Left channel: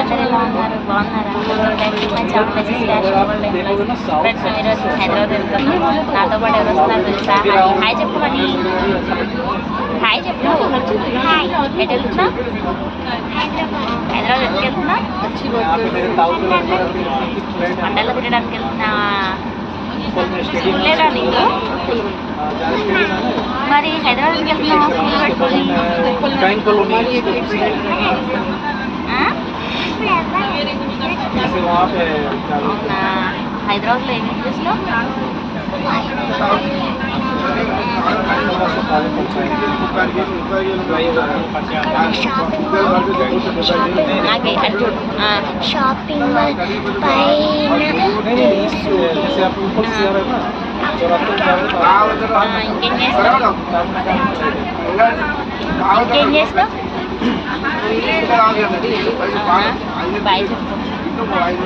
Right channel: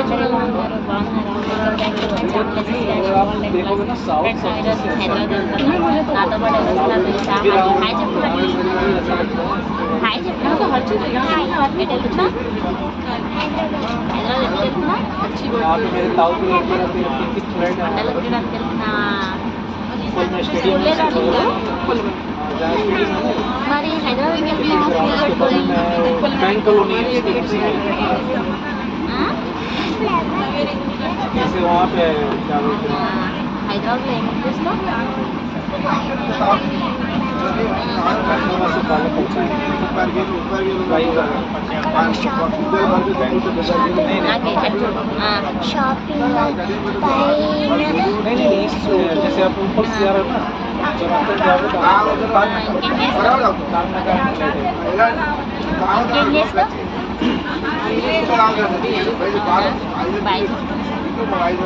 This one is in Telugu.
అందరూ ఎలా ఉన్నారు? బాగున్నారా? Welcome back to my channel friends. ఈరోజు హైదరాబాద్ వెళ్తున్నాం. నాతో పాటు ఎవరు వస్తున్నారు తెలుసా? హాయ్ చెప్పండి. హాయ్ చెప్పు. ఎటు వెళ్తున్నా? హైదరాబాద్ ఎక్కడికి వెళ్తున్నా? మండలు తినడానికి వెళ్తున్నా. స్కూల్ లేదా నీకు? మరి హైదరాబాద్కి వెళ్తున్నావు స్కూల్ పెట్టుకొని? హైదరాబాద్లో ఏమేమి చూసినావు? షాపింగ్ మాల్ పైన ఇంకేం చేస్తావు? బాయ్ చెప్పు. బాయ్.